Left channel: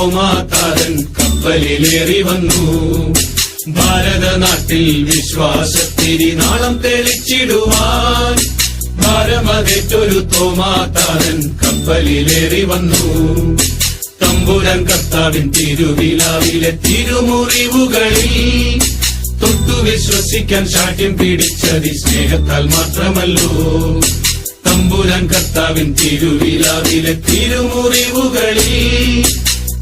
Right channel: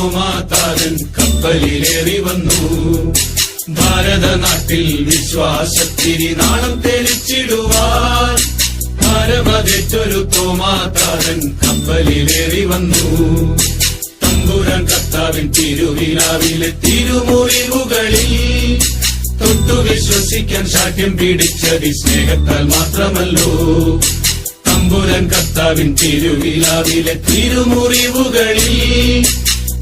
തോമാതാരൻ കപ്പലിലേറി വന്നു. ഭാരതനാട്ടിൽ വിശ്വാസത്തിരി നാളം തെളിച്ചിടുവാൻ ഭാരമതേറ്റൊരു തോമാതാരൻ കപ്പലിലേറി വന്നു. തമ്പുരാൻ കർത്താവിൻ തിരുവിലാവിലെ തിരുമുറിവുകളിൽ തൊട്ടു വിശ്വസിക്കാൻ ശാഠ്യം പിടിച്ചതി സ്നേഹത്താൽ മാത്രമല്ലോ. തമ്പുരാൻ കർത്താവിൻ തിരുവിലാവിലെ തിരുമുറിവുകളിൽ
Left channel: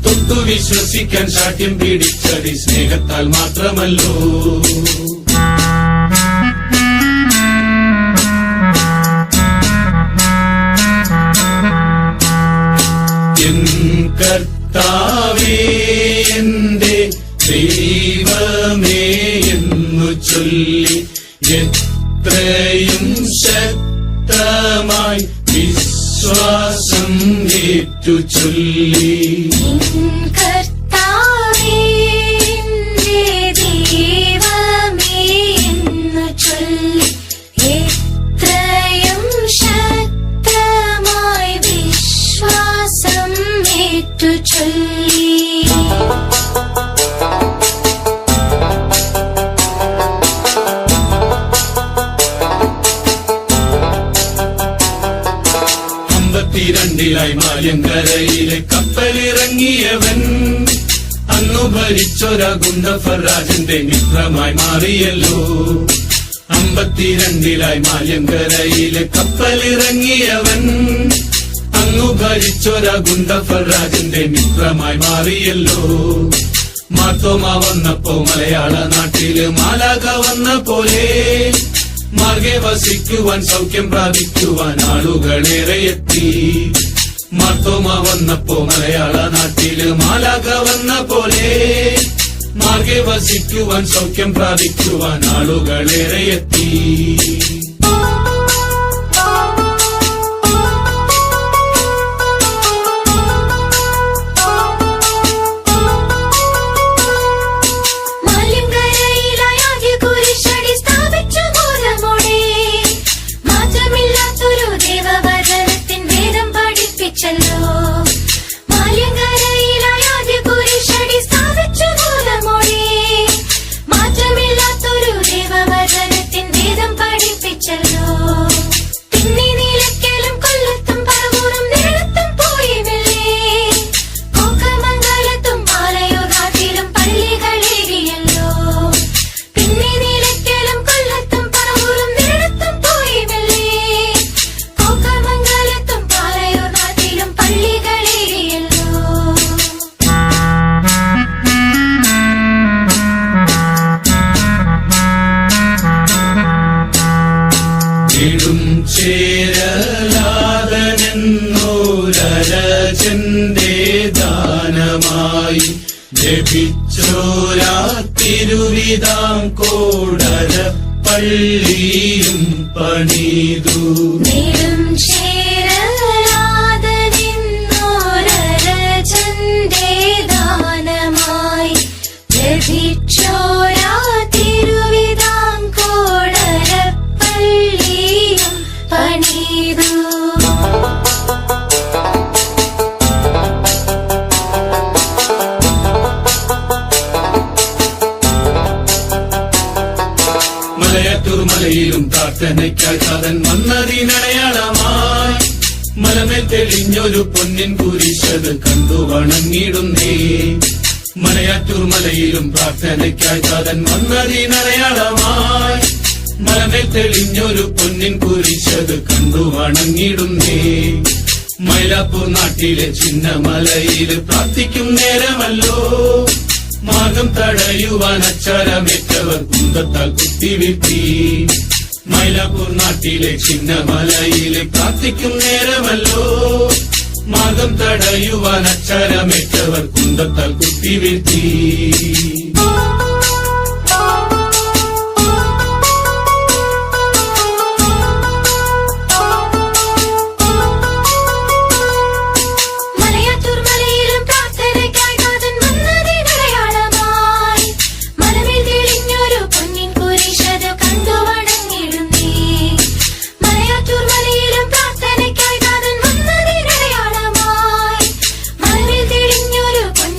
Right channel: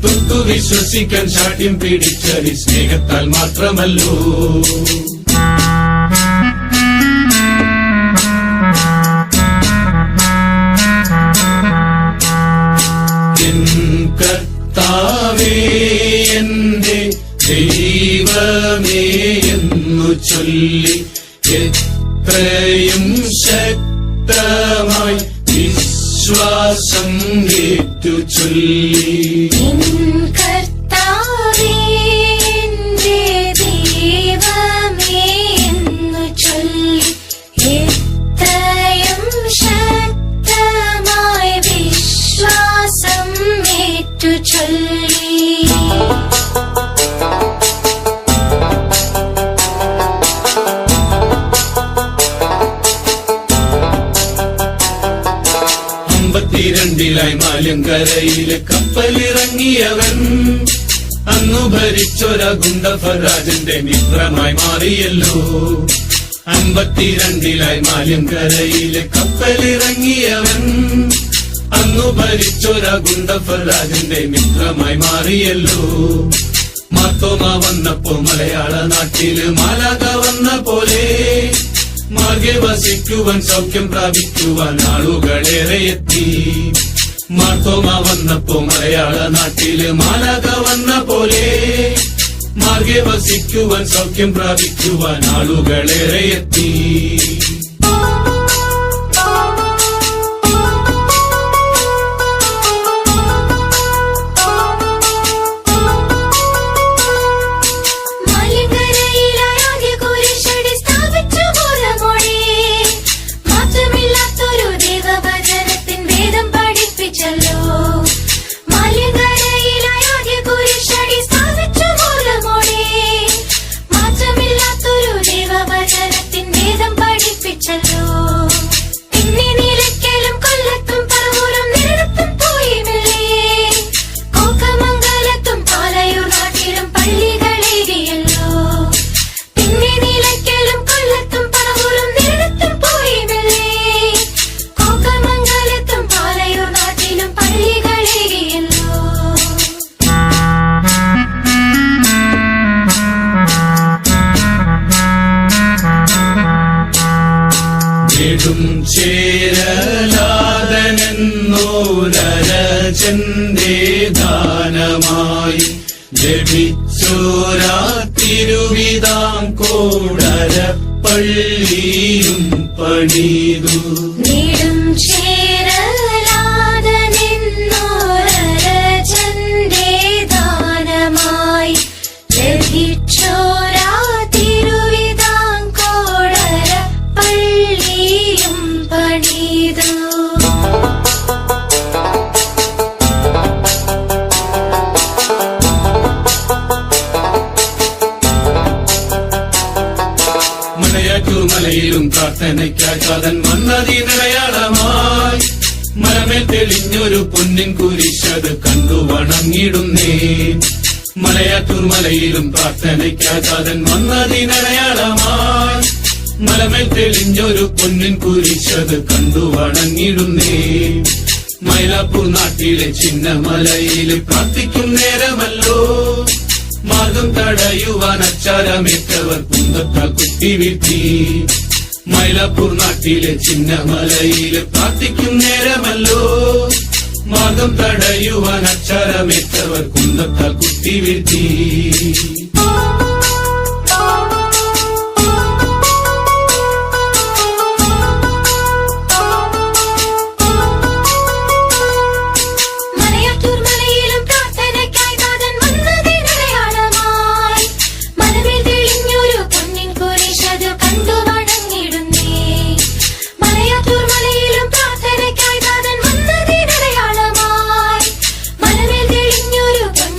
തൊട്ടു വിശ്വസിക്കാൻ ശാഠ്യം പിടിച്ചതി സ്നേഹത്താൽ മാത്രമല്ലോ. കർത്താവേ എന്റെ ദൈവമേ എന്നു ചൊല്ലി എത്രയും ശക്തമായി വിശ്വാസം ഏറ്റു ചൊല്ലി. മാല്യങ്കരയിലെ കപ്പലിറങ്ങിയവൻ അന്നു ഭരിച്ചൊര ഗുണ്ടഫരാജന്റെ മിത്രമായി മാറിയല്ലോ. 52 മാല്യങ്കരയിലെ കപ്പലിറങ്ങിയവൻ അന്നു ഭരിച്ചൊര ഗുണ്ടഫരാജന്റെ മിത്രമായി മാറിയല്ലോ. മാർത്തോമ വന്നപ്പോ മലയാള നാട്ടില് മാലാഖ വന്ന പോലെ മാർഗെ വസിക്കുവാൻ സൗഖ്യം പ്രാപിക്കുവാൻ ആളുകളേറെ എത്തി. മാർത്തോമ വന്നപ്പോ മലയാള നാട്ടില് മാലാഖ വന്ന പോലെ മാർഗെ വസിക്കുവാൻ സൗഖ്യം പ്രാപിക്കുവാൻ ആളുകളേറെ എത്തി. ദാനമായി ജപിച്ചോരാ തിരുവിതാംകോടര പള്ളിയും പണിതു. മലയിലും പ്രാർത്ഥനയ്ക്കായി താതൻ വന്നതിനടയാളമായി മലമേൽ തെളിഞ്ഞൊരു പൊന്നിൻ കുരിശത് കണ്ടു വണങ്ങിടുന്നേ. മലയാറ്റൂർ മലയിലും പ്രാർത്ഥനയ്ക്കായി താതൻ വന്നതിനടയാളമായി മലമേൽ തെളിഞ്ഞൊരു പൊന്നിൻ കുരിശത് കണ്ടു വണങ്ങിടുന്നേ. മൈലാപ്പൂർ നാട്ടിലെ ചിന്നമലയിൽ പ്രാർത്ഥിക്കും നേരമല്ലോ മാർഗം തടയുവാൻ അച്ചാരമേറ്റവർ കുന്തത്താൽ കുത്തിവീഴ്ത്തി. മൈലാപ്പൂർ നാട്ടിലെ ചിന്നമലയില് പ്രാർത്ഥിക്കും നേരമല്ലോ മാർഗം തടയുവാൻ അച്ചാരമേറ്റവർ കുന്തത്താൽ കുത്തിവീഴ്ത്തി. ൊരു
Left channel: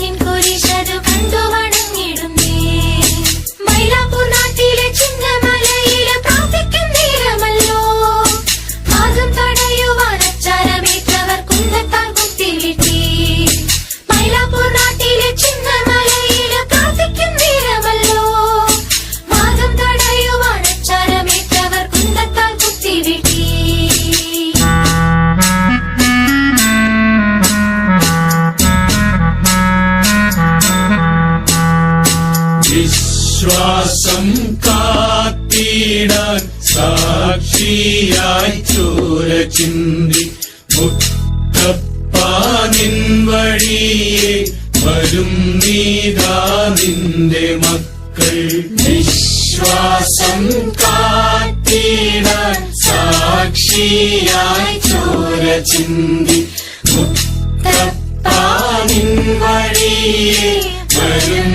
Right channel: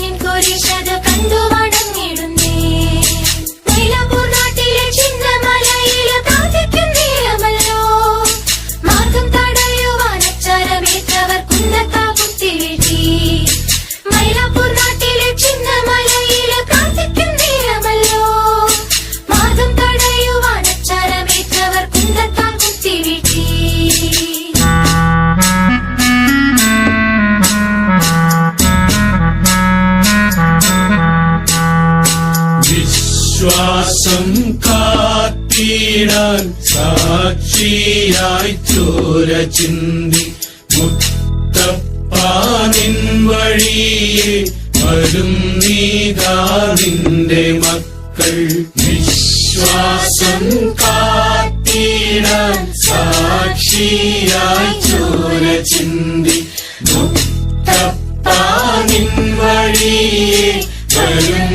ചിന്തി മുത്തപ്പാനിൻ വഴിയെ വരും നീതാ നിന്റെ മക്കൾ വിശ്വാസം കാത്തിടാൻ സാക്ഷിയായി ചോര ചിന്തി മുത്തപ്പാനിൻ വഴിയെ വരും